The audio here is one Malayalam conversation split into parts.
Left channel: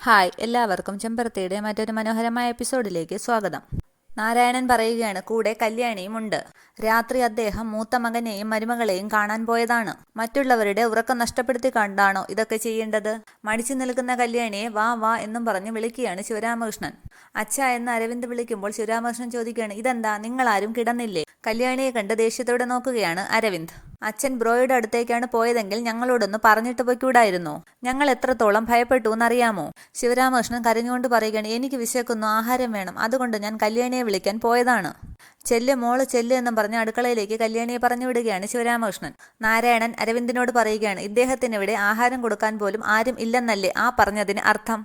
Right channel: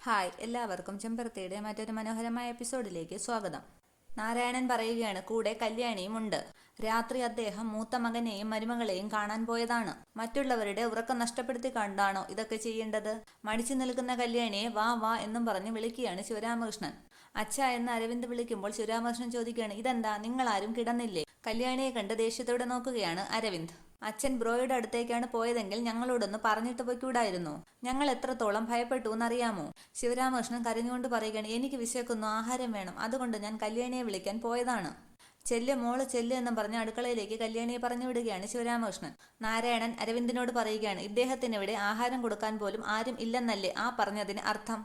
ഹായ്, എല്ലാവർക്കും ചെമ്പരത്തിയുടെ മറ്റൊരു മനോഹരമായ എപ്പിസോഡിലേക്ക് സ്വാഗതം. നാരായണൻ പറയുകയാണ്, കൂടെ കല്യാണിയും ഉണ്ട്. രാത്രി അദ്ദേഹം മൂത്ത മകനെയും മരുമകളെയും കാണാൻ പോയതാണ്. മറ്റുള്ളവരുടെ ഉറക്കം നഷ്ടപ്പെടുത്തി കണ്ടാണോ ഇതൊക്കെ ചെയ്യേണ്ടത്? മടിച്ചു നിൽക്കുന്ന കല്യാണിയെ വാ വാ എന്നും പറഞ്ഞ് വിളിക്കുകയാണ് ശിവരാമകൃഷ്ണൻ. അച്ഛ എന്ന് അരവിന്ദ് വിളിക്കുമ്പോൾ ശിവരാമകൃഷ്ണൻ ചോദിക്കുകയാണ്, ഇതെന്താ, നിങ്ങളാരും കിടന്നില്ലേ? കല്യാണിയെ കണ്ട് ദേഷ്യത്തോടെ നോക്കുകയാണ് അരവിന്ദ്. അച്ഛൻ ബ്രോയുടെ അടുത്തേക്കാണ് പോയതെങ്കിൽ ഞങ്ങളോടൊന്ന് പറഞ്ഞിട്ട് പോയിക്കൂടായിരുന്നോ? ഞങ്ങൾ എത്രത്തോളം ഭയപ്പെട്ടു എന്നറിയാമോ? ശിവരാമകൃഷ്ണൻ കരഞ്ഞുകൊണ്ട് പറയുകയാണ്, എനിക്ക് വിശക്കുന്നു, ആഹാരം വേണം, അതുകൊണ്ട് ഞാൻ കല്യാണിയെ വിളിക്കാൻ പോയതാണ്. ചെല്ല് മോള് ചെല്ല് എന്നും പറഞ്ഞ് അടുക്കളയിലേക്ക് കല്യാണിയെ പറഞ്ഞു വിടുകയാണ് ശിവരാമകൃഷ്ണൻ. നാരായണൻ അരവിന്ദിനോട് പറയുകയാണ്, ഇദ്ദേഹത്തിന് ഇവിടെ ആഹാരം കൊടുക്കാൻ പോലും ആരും ഇല്ലെന്നല്ലേ ആ പറഞ്ഞതിന് അർത്ഥം?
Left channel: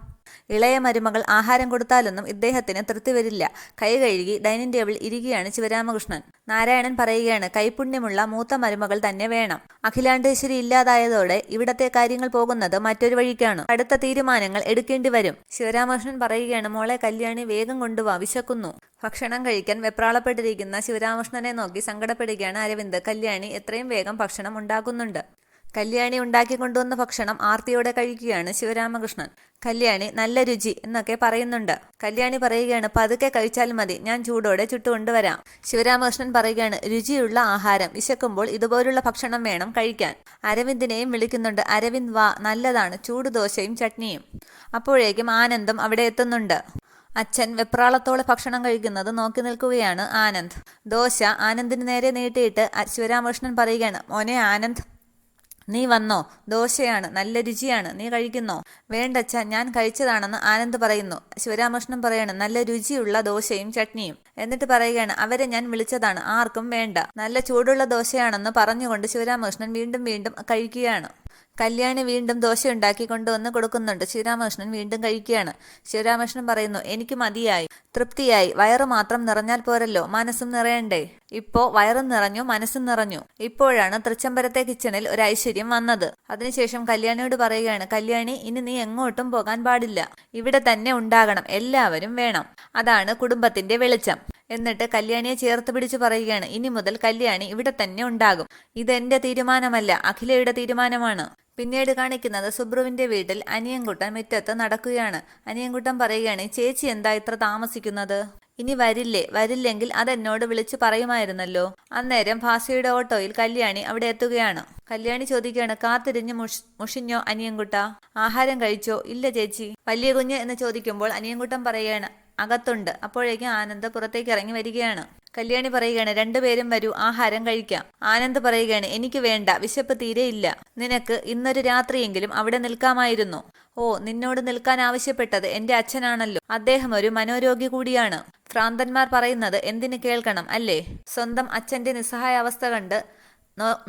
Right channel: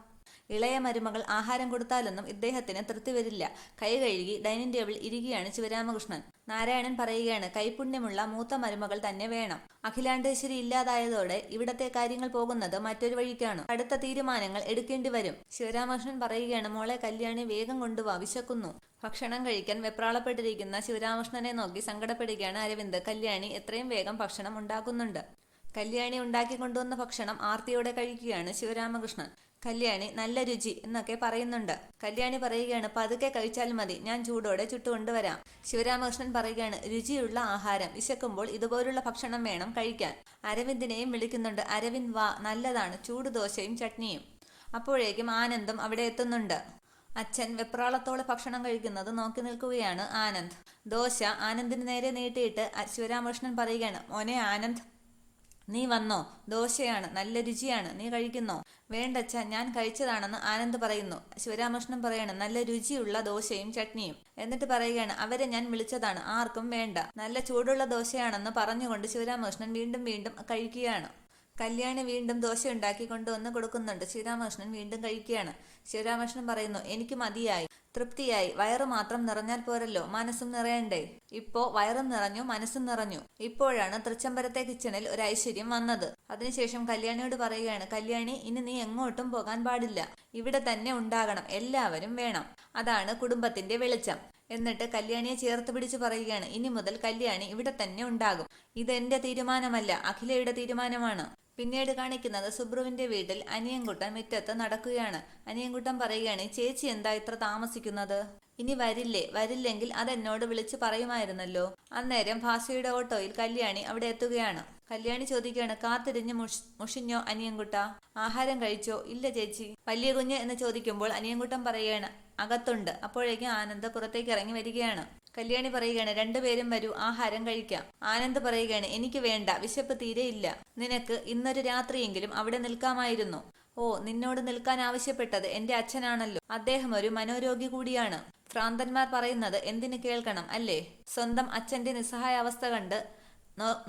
ഇളയ മരുമകൾ ആഹാരം കൊടുത്താലൊന്നും ഇദ്ദേഹത്തിന് തൃപ്തി വരില്ല. കൈ കഴുകി ഡൈനിങ് ടേബിൾ ഇരിക്കുകയാണ് ശിവരാമകൃഷ്ണൻ. നാരായണൻ പറയുകയാണ്, കൈപുണ്യമുള്ള മൂത്ത മരുമകൾ തന്നെ വേണം. അഖിലാണ്ടേശ്വരി ഇല്ലാതായതോടെ ഇവിടത്തെ കാര്യങ്ങൾ പോകുന്നത് മറ്റൊരു വഴിക്കാണ്. അടുത്ത തീരുമാനങ്ങൾ എടുക്കേണ്ടി വരും. ശിവരാമകൃഷ്ണൻ പറയുകയാണ്, മോളെ കല്യാണി വേഗം കൊണ്ടുവാ, വിശക്കുന്നു. ഭക്ഷണം കഴിക്കാൻ വെപ്രാളപ്പെട്ടിരിക്കുന്ന ശിവരാമകൃഷ്ണനെ നോക്കി സങ്കടപ്പെടുകയാണ് അരവിന്ദ്. കല്യാണി എത്രയും വേഗം ഭക്ഷണം ഉണ്ടാക്കുന്നുണ്ട്. കല്യാണി ഉണ്ടാക്കി കൊണ്ടുവന്ന ഭക്ഷണം ആർത്തിയോടെ കഴിക്കുകയാണ് ശിവരാമകൃഷ്ണൻ. കല്യാണി നല്ല രുചി എന്നൊക്കെ പറയുന്നുണ്ട്. കല്യാണി പറയുകയാണ്, പതുക്കെ കഴിച്ചാൽ മതി, ഞാൻ ചൂടോടെ ചുട്ടുകൊണ്ടുവരാം. ശിവരാമകൃഷ്ണൻ പറയുകയാണ്, രുചിയുള്ള ആഹാരം, വിശക്കുമ്പോൾ ഇതുപോലുള്ള ഭക്ഷണം വേണം കഴിക്കാൻ. അരവിന്ദിനെയും വിളിക്കുന്നുണ്ട്. അരവിന്ദ് വാ, നല്ലതാണ് ചൂട് ദോശയും ചട്നിയും. അപ്പോഴേക്കും ആനന്ദും അവിടെ എത്തുന്നുണ്ട്. അച്ഛൻ വെപ്രാളത്തോടെ ഭക്ഷണം കഴിക്കുന്നത് നോക്കി നിൽക്കുകയാണ് ആനന്ദ്. ദോശ ആനന്ദിന് നേരെ നീട്ടിയിട്ട് ശിവരാമകൃഷ്ണൻ പറയുകയാണ്, മോനെ ആനന്ദ്, നീ വന്നോ? ദോശയാണ്, നല്ല രുചിയാണ്, നീ കഴിക്കുന്നോ? വേണ്ടച്ച, ഞാൻ കഴിച്ചതാണെന്ന് ആനന്ദ് പറയുന്നു. ശിവരാമകൃഷ്ണൻ പറയാണ്, നല്ല രുചിയുള്ള ദോശയും ചട്നിയും. എന്നിട്ട് പറയുകയാണ്, അവരെ ഞാൻ വിളിച്ചതാണ്, ആർക്കും വേണ്ട. നല്ല ചൂടുള്ള ദോശയാണെന്ന് പറഞ്ഞുകൊണ്ട് ശിവരാമകൃഷ്ണൻ വീണ്ടും വീണ്ടും കഴിക്കുകയാണ്. കല്യാണി വീണ്ടും ദോശ ഉണ്ടാക്കി കൊണ്ടുവന്ന് കൊടുക്കുന്നുണ്ട്. ശിവരാമകൃഷ്ണൻ വീണ്ടും കഴിക്കുകയാണ്. ശിവരാമകൃഷ്ണൻ പറയുന്നു, എനിക്ക് മതിയായി, തൃപ്തിയായി. വയറ് മാത്രം നിറഞ്ഞാൽ പോരല്ലോ, മനസ്സും നിറയണ്ടേ? ഇപ്പോ വയറും നിറഞ്ഞു, മനസ്സും നിറഞ്ഞു. ഇപ്പോഴാണ് തൃച്ചംബരത്തെ കിച്ചണിൽ ഒരു ഐശ്വര്യം വന്നത്. അതിനുശേഷം കല്യാണിയോട് പറയുകയാണ്, കല്യാണി, ഇനി നീ എങ്ങോട്ടും പോകാൻ പാടില്ല, ഇവിടെ തന്നെ ഉണ്ടാകണം, എല്ലാവരും വേണം. അതാണ് കുടുംബത്തിന്റെ വെളിച്ചം. എന്നിട്ട് കല്യാണിയെ ചേർത്ത് പിടിച്ച് പറയുകയാണ്, ഇനി മുതൽ കല്യാണി ഇവിടെ തന്നെ ഉണ്ടാകും. ഇതെന്റെ തീരുമാനമല്ല, അഖിലയുടെ തീരുമാനമാണ്. പിന്നീട് കാണിക്കുന്നത് സുബ്രുവിന്റെ വീട്ടിൽ അനിയൻകുട്ടൻ മുറ്റത്ത് നടക്കുകയാണ്. അനിയൻകുട്ടൻ പറയുകയാണ്, ചേച്ചി എന്താ ഇത്ര താമസിക്കുന്നത്? ഇനി വരില്ലേ? വരില്ലെങ്കിൽ അതെന്നോട് വിളിച്ചു പറയുമായിരുന്നല്ലോ. അന്നേരം ഭാസിയുടെ ഓട്ടോയിൽ കല്യാണി അവിടെ എത്തുകയാണ്. കല്യാണി ചോദിക്കുകയാണ്, കാത്തിരിഞ്ഞ് മുഷിഞ്ഞോ അനിയൻകുട്ട? ആഹാരം കഴിച്ചോ? ഇല്ല ചേച്ചി. വലിയ കുഞ്ഞ് എന്ന് ചോദിക്കുമ്പോൾ അനിയൻകുട്ടൻ പറയുകയാണ്, അകത്തുണ്ട്. അപ്പോഴേക്കും ആനന്ദ് പുറത്തേക്ക് ഇറങ്ങി വരികയാണ്. കല്യാണി പറയുകയാണ്, രണ്ടുപേരും വരൂ, ആഹാരം കഴിക്കാം. ആനന്ദ് പറയുകയാണ്, എനിക്ക് വേണ്ട, വിശപ്പ് തീരെയില്ല. നിനക്ക് ഇന്നൊരു രാത്രിയെങ്കിലും അവിടെ നിൽക്കാമായിരുന്നു. ഓ, നിന്നോട് നിൽക്കാൻ ആവശ്യപ്പെട്ടത് എന്റെ അച്ഛനാണല്ലോ. അദ്ദേഹം ഒരു മനോരോഗി കൂടിയാണ്. ഭ്രാന്തന്മാർ പറയുന്നത് എന്തിനു കേൾക്കണം അല്ലേ? സ്വന്തം അച്ഛന്റെ നിസ്സഹായ അവസ്ഥ കണ്ട്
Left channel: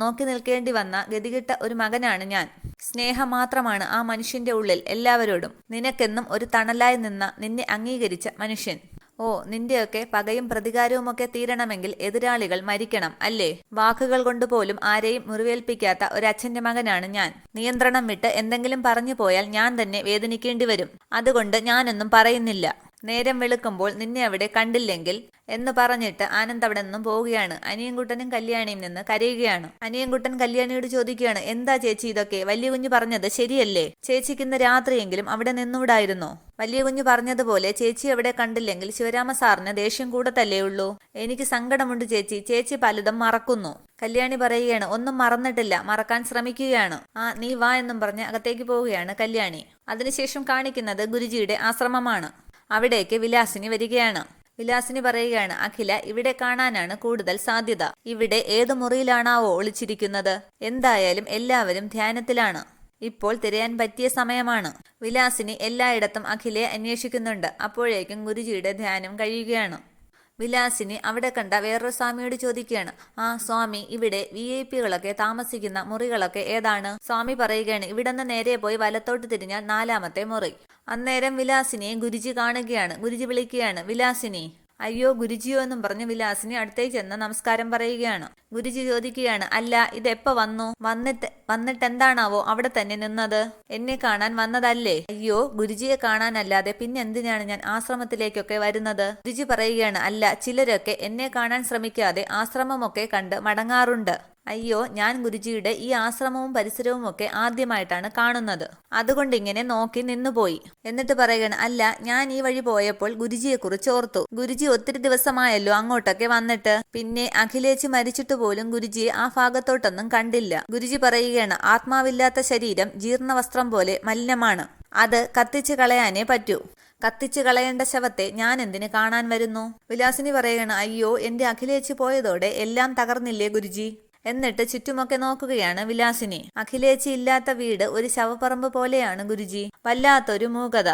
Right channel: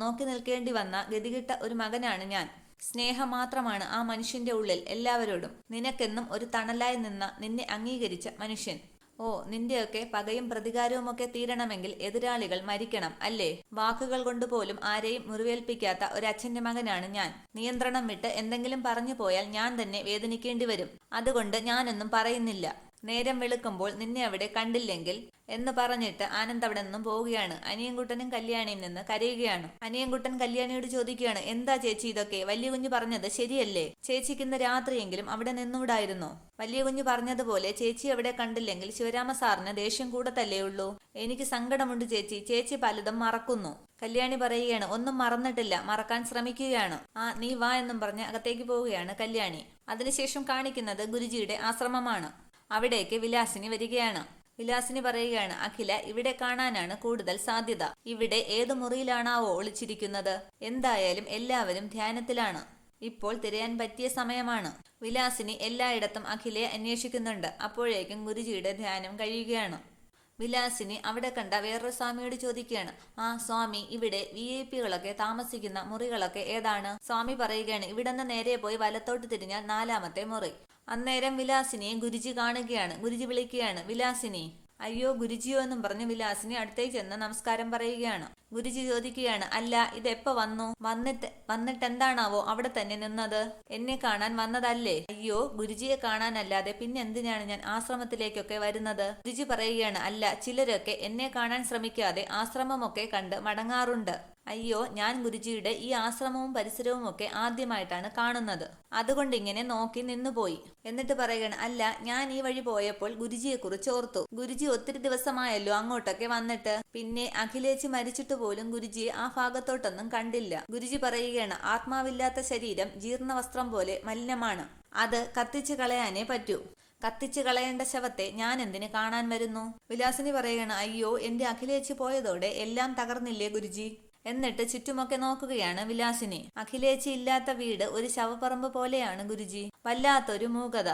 നോക്കി നിൽക്കേണ്ടി വന്ന ഗതികിട്ട ഒരു മകനാണ് ഞാൻ. സ്നേഹം മാത്രമാണ് ആ മനുഷ്യന്റെ ഉള്ളിൽ എല്ലാവരോടും. നിനക്കെന്നും ഒരു തണലായി നിന്ന, നിന്നെ അംഗീകരിച്ച മനുഷ്യൻ. ഓ, നിന്റെയൊക്കെ പകയും പ്രതികാരവുമൊക്കെ തീരണമെങ്കിൽ എതിരാളികൾ മരിക്കണം അല്ലേ? വാക്കുകൾ കൊണ്ട് പോലും ആരെയും മുറിവേൽപ്പിക്കാത്ത ഒരച്ഛന്റെ മകനാണ് ഞാൻ. നിയന്ത്രണം വിട്ട് എന്തെങ്കിലും പറഞ്ഞു പോയാൽ ഞാൻ തന്നെ വേദനിക്കേണ്ടി വരും. അതുകൊണ്ട് ഞാനൊന്നും പറയുന്നില്ല. നേരം വെളുക്കുമ്പോൾ നിന്നെ അവിടെ കണ്ടില്ലെങ്കിൽ എന്ന് പറഞ്ഞിട്ട് ആനന്ദ് അവിടെ നിന്നും പോവുകയാണ്. അനിയൻകുട്ടനും കല്യാണിയും നിന്ന് കരയുകയാണ്. അനിയൻകുട്ടൻ കല്യാണിയോട് ചോദിക്കുകയാണ്, എന്താ ചേച്ചി ഇതൊക്കെ? വലിയ കുഞ്ഞ് പറഞ്ഞത് ശരിയല്ലേ? ചേച്ചിക്ക് ഇന്ന് രാത്രിയെങ്കിലും അവിടെ നിന്നൂടായിരുന്നോ? വലിയ കുഞ്ഞ് പറഞ്ഞതുപോലെ ചേച്ചി അവിടെ കണ്ടില്ലെങ്കിൽ ശിവരാമ സാറിന് ദേഷ്യം കൂടത്തല്ലേ ഉള്ളൂ. എനിക്ക് സങ്കടമുണ്ട് ചേച്ചി, ചേച്ചി പലതും മറക്കുന്നു. കല്യാണി പറയുകയാണ്, ഒന്നും മറന്നിട്ടില്ല, മറക്കാൻ ശ്രമിക്കുകയാണ്. ആ, നീ വാ എന്നും പറഞ്ഞ് അകത്തേക്ക് പോവുകയാണ് കല്യാണി. അതിനുശേഷം കാണിക്കുന്നത് ഗുരുജിയുടെ ആശ്രമമാണ്. അവിടേക്ക് വിലാസിനി വരികയാണ്. വിലാസിനി പറയുകയാണ്, അഖില ഇവിടെ കാണാനാണ് കൂടുതൽ സാധ്യത. ഇവിടെ ഏത് മുറിയിലാണാവോ ഒളിച്ചിരിക്കുന്നത്? എന്തായാലും എല്ലാവരും ധ്യാനത്തിലാണ്. ഇപ്പോൾ തിരയാൻ പറ്റിയ സമയമാണ്. വിലാസിനി എല്ലായിടത്തും അഖിലയെ അന്വേഷിക്കുന്നുണ്ട്. അപ്പോഴേക്കും ഗുരുജിയുടെ ധ്യാനം കഴിയുകയാണ്. വിലാസിനി അവിടെ കണ്ട വേറൊരു സ്വാമിയോട് ചോദിക്കുകയാണ്, ആ സ്വാമി, ഇവിടെ VIP കളൊക്കെ താമസിക്കുന്ന മുറികളൊക്കെ ഏതാണ്? സ്വാമി പറയുകയാണ്, ഇവിടെ നിന്ന് നേരെ പോയി വലത്തോട്ട് തിരിഞ്ഞാൽ 4ാമത്തെ മുറി. അന്നേരം വിലാസിനിയെ ഗുരുജി കാണുകയാണ്. ഗുരുജി വിളിക്കുകയാണ്, വിലാസിനി. അയ്യോ ഗുരുജിയോ എന്നും പറഞ്ഞ് വിലാസിനി അടുത്തേക്ക് ചെന്ന് നമസ്കാരം പറയുകയാണ്. ഗുരുജി ചോദിക്കുകയാണ്, അല്ല, ഇതെപ്പോ വന്നു? വന്നിട്ട് എന്താണാവോ അവിടെ തന്നെ നിന്നത്? എന്നെ കാണാൻ വന്നതല്ലേ? അയ്യോ, ഗുരുജിയെ കാണാനല്ലാതെ പിന്നെ എന്തിനാണ് ഞാൻ ആശ്രമത്തിലേക്കൊക്കെ വരുന്നത്? ഗുരുജി പറയുകയാണ്, അല്ല, ചിലരൊക്കെ എന്നെ കാണാൻ ശ്രമിക്കാതെ ആശ്രമമൊക്കെ കണ്ട് മടങ്ങാറുണ്ട്. അയ്യോ, ഞാൻ ഗുരുജിയുടെ ഈ ആശ്രമവും പരിസരവും ഒക്കെ ആദ്യമായിട്ടാണ് കാണുന്നത്. അതുകൊണ്ട് ഇങ്ങനെ നോക്കി നിന്നുപോയി. എന്നിട്ട് പറയുകയാണ്, അല്ല, ഞാൻ ഈ വഴി പോയപ്പോൾ ഗുരുജിയെ കുറിച്ച് ഓർത്തു. ഗുരുജി ഒത്തിരി ദിവസമായല്ലോ അങ്ങോട്ടൊക്കെ വന്നിട്ട്. പിന്നെ അഖിലേച്ചി മരിച്ചിട്ട് പോലും ഗുരുജിയെ ആ ഭാഗത്തോട്ടൊന്നും കണ്ടില്ല. ഗുരുജി പറയുകയാണ്, ആത്മാവില്ലാത്ത ശരീരം ജീർണവസ്ത്രം പോലെ മലിനമാണ്. അത് കത്തിച്ചു കളയാനേ പറ്റൂ. കത്തിച്ചു കളയേണ്ട ശവത്തെ ഞാൻ എന്തിന് കാണാൻ വരുന്നു? വിലാസിനി പറയുകയാണ്, അയ്യോ, എന്റെ അഖിലേച്ചി പോയതോടെ എല്ലാം തകർന്നില്ലേ ഗുരുജി? എന്നിട്ട് ചുറ്റുമൊക്കെ നോക്കുകയാണ് വിലാസിനി. അഖിലേച്ചി ഇല്ലാത്ത വീട് ഒരു ശവപ്പറമ്പ് പോലെയാണ് ഗുരുജി. വല്ലാത്തൊരു മൂകത.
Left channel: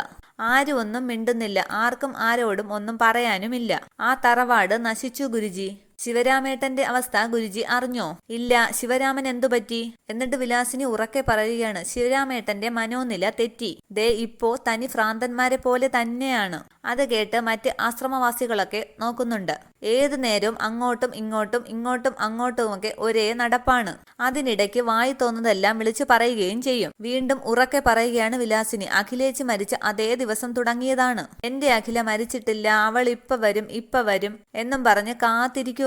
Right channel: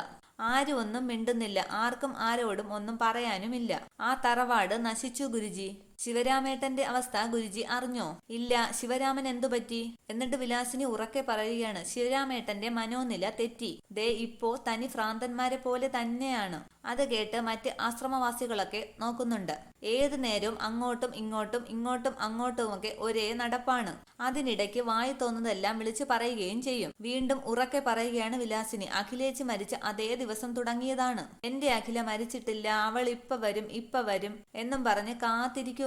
ആരും ഒന്നും മിണ്ടുന്നില്ല. ആർക്കും ആരോടും ഒന്നും പറയാനുമില്ല. ആ തറവാട് നശിച്ചു ഗുരുജി. ശിവരാമേട്ടന്റെ അവസ്ഥ ഗുരുജി അറിഞ്ഞോ? ഇല്ല. ശിവരാമൻ എന്തുപറ്റി? എന്നിട്ട് വിലാസിനി ഉറക്കെ പറയുകയാണ്, ശിവരാമേട്ടന്റെ മനോനില തെറ്റി. ദേ ഇപ്പോ തനി ഭ്രാന്തന്മാരെ പോലെ തന്നെയാണ്. അത് കേട്ട് മറ്റ് ആശ്രമവാസികളൊക്കെ നോക്കുന്നുണ്ട്. ഏതു നേരവും അങ്ങോട്ടും ഇങ്ങോട്ടും ഇങ്ങോട്ടും അങ്ങോട്ടുമൊക്കെ ഒരേ നടപ്പാണ്. അതിനിടയ്ക്ക് വായി തോന്നുന്നതെല്ലാം വിളിച്ചു പറയുകയും ചെയ്യും. വീണ്ടും ഉറക്കെ പറയുകയാണ് വിലാസിനി, അഖിലേച്ചി മരിച്ച അതേ ദിവസം തുടങ്ങിയതാണ്. എന്റെ അഖില മരിച്ചിട്ടില്ല, അവൾ ഇപ്പ വരും എന്നും പറഞ്ഞ് കാത്തിരിക്കുവാണ്.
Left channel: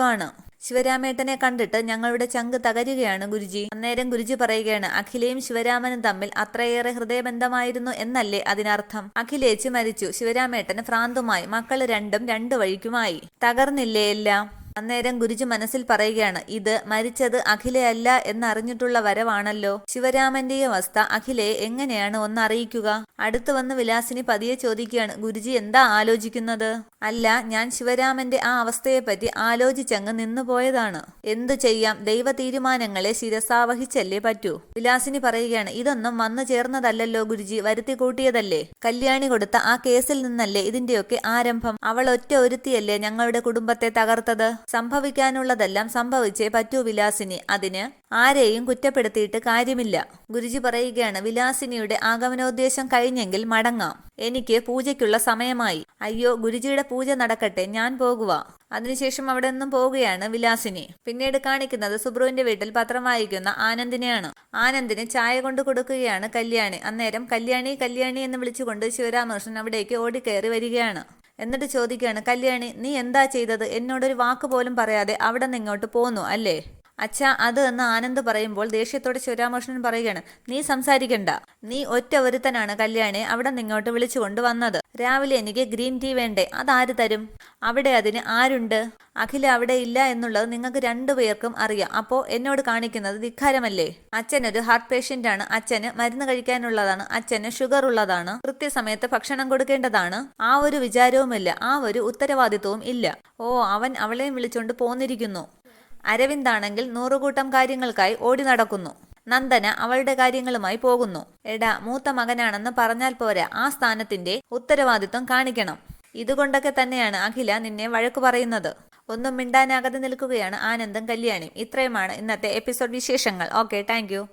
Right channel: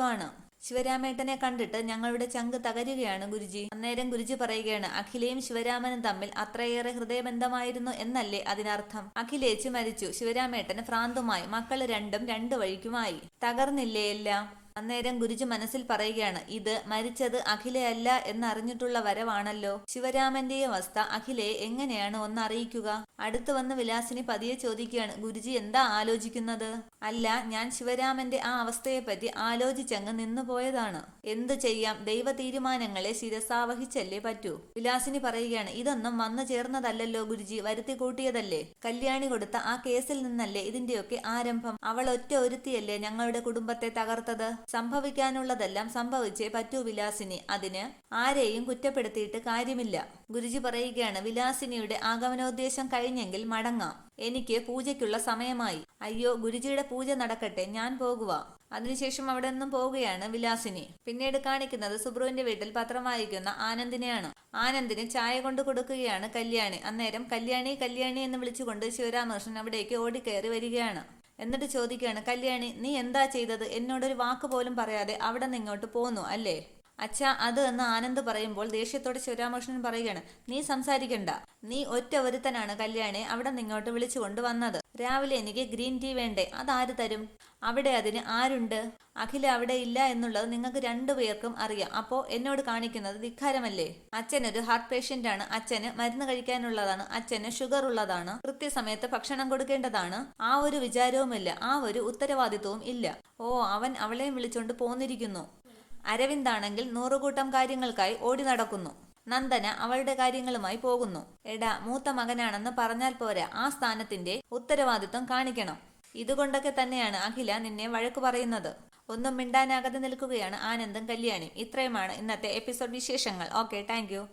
ശിവരാമേട്ടനെ കണ്ടിട്ട് ഞങ്ങളുടെ ചങ്ക് തകരുകയാണ് ഗുരുജി. അന്നേരം ഗുരുജി പറയുകയാണ്, അഖിലയും ശിവരാമനും തമ്മിൽ അത്രയേറെ ഹൃദയബന്ധമായിരുന്നു എന്നല്ലേ അതിനർത്ഥം? അഖിലേച്ചി മരിച്ചു, ശിവരാമേട്ടന് ഭ്രാന്തുമായി, മക്കള് രണ്ടും രണ്ടു വഴിക്കുമായി. തകർന്നില്ലേ എല്ലാം? അന്നേരം ഗുരുജി മനസ്സിൽ പറയുകയാണ്, ഇത് മരിച്ചത് അഖിലയല്ല എന്നറിഞ്ഞിട്ടുള്ള വരവാണല്ലോ. ശിവരാമന്റെ അവസ്ഥ അഖിലയെ എങ്ങനെയാണ് ഒന്നറിയിക്കുക? അടുത്തു വന്ന് വിലാസിനി പതിയെ ചോദിക്കുകയാണ്, ഗുരുജി എന്താ ആലോചിക്കുന്നത്? അല്ല, ഞാൻ ശിവരാമന്റെ ആ അവസ്ഥയെപ്പറ്റി ആലോചിച്ചങ്ങ് നിന്നുപോയതാണ്. എന്തു ചെയ്യാം, ദൈവ തീരുമാനങ്ങളെ ശിരസാവഹിച്ചല്ലേ പറ്റൂ. വിലാസിനി പറയുകയാണ്, ഇതൊന്നും വന്നു ചേർന്നതല്ലല്ലോ ഗുരുജി, വരുത്തി കൂട്ടിയതല്ലേ. കല്യാണി കൊടുത്ത ആ കേസിൽ നിന്നല്ലേ ഇതിന്റെയൊക്കെ ആരംഭം. അവൾ ഒറ്റ ഒരുത്തിയല്ലേ ഞങ്ങളുടെ കുടുംബത്തെ തകർത്തത്. സംഭവിക്കാനുള്ളതെല്ലാം സംഭവിച്ചേ പറ്റൂ വിലാസിനി. അതിന് ആരെയും കുറ്റപ്പെടുത്തിയിട്ട് കാര്യമില്ല. ഗുരുജി പറയുകയാണ്, വിലാസിനിയുടെ ആഗമനോദ്ദേശം കഴിഞ്ഞെങ്കിൽ മടങ്ങാം. എനിക്ക് പൂജയ്ക്കുള്ള സമയമായി. അയ്യോ, ഗുരുജിയുടെ പൂജ നടക്കട്ടെ, ഞാൻ പോകുക. അതിനുശേഷം അവിടെ നിന്നും പോവുകയാണ് വിലാസിനി. പിന്നീട് കാണിക്കുന്നത് സുബ്രുവിന്റെ വീട്ടിൽ പത്രം വായിക്കുന്ന ആനന്ദിനെയാണ്. ആനന്ദിന് ചായ കൊണ്ട് കൊടുക്കുകയാണ് കല്യാണി. അന്നേരം കല്യാണി കല്യാണി എന്ന് വിളിച്ചുകൊണ്ട് ശിവരാമകൃഷ്ണൻ അവിടേക്ക് ഓടിക്കയറി വരികയാണ്. എന്നിട്ട് ചോദിക്കുകയാണ്, കല്യാണി, നീ എന്താ ചെയ്തത്? എന്നോടൊരു വാക്ക് പോലും പറയാതെ അവിടെ നിന്ന് ഇങ്ങോട്ട് പോന്നു അല്ലേ? അച്ഛാ, അത് എന്ന് ആനന്ദ് പറയുമ്പോൾ ദേഷ്യത്തോടെ ശിവരാമകൃഷ്ണൻ പറയുകയാണ്, നീ സംസാരിക്കണ്ട. നീ ഒറ്റ ഒരുത്തനാണ് കല്യാണിയെ അവിടെ നിങ്ങോട്ട് വിളിച്ചു കൊണ്ടുവന്നത്. രാവിലെ എനിക്ക് ഗ്രീൻ ടീ വേണ്ടേ? അതാര് തരും? അവിടെ അതിന് ആരുണ്ട്? അഖില അവിടെ ഇല്ല എന്നുള്ളത് നിങ്ങൾക്ക് രണ്ടുപേർക്കും അറിയാം. അപ്പോ എന്നോട് കാണിക്കുന്നത് ധിക്കാരമല്ലേ? അച്ഛനൊരു ഹാർട്ട് പേഷ്യന്റ് ആണ്. അച്ഛന് മരുന്ന് കഴിക്കാനുള്ളതാണ്. അച്ഛന് ഷുഗർ ഉള്ളതാണ്. കൃത്യസമയത്ത് ഭക്ഷണം കൊടുക്കേണ്ടതാണ്. ആ ഒരു വിചാരവുമില്ല, ആ ഒരു ഉത്തരവാദിത്വവും ഇല്ല. ഓ, അവൻ അവളെയും വിളിച്ചോണ്ട് പോന്നിരിക്കുന്നു. അരവിന്ദാണെങ്കിൽ നൂറുകൂട്ടം കാര്യങ്ങൾക്കായി ഓടി നടക്കുന്നു. നന്ദന അവളുടെ കാര്യങ്ങളുമായി പോകുന്നു. എടാ, മൂത്ത മകനാണെന്ന് പറഞ്ഞാൽ പോരാ, ആ സ്ഥാനത്തിന്റെ ഉത്തരവാദിത്വം കാണിക്കണം. ഇതുകൊണ്ടൊക്കെ തന്നെയാണ് അഖില നിന്നെ വഴക്കു പറയുന്നത്. ഒന്നും മിണ്ടാനാകാതെ നിൽക്കുകയാണ് ആനന്ദും കല്യാണിയും. ഇത്രയുമാണ് ഇന്നത്തെ എപ്പിസോഡ് വിശേഷങ്ങൾ. Okay, thank you.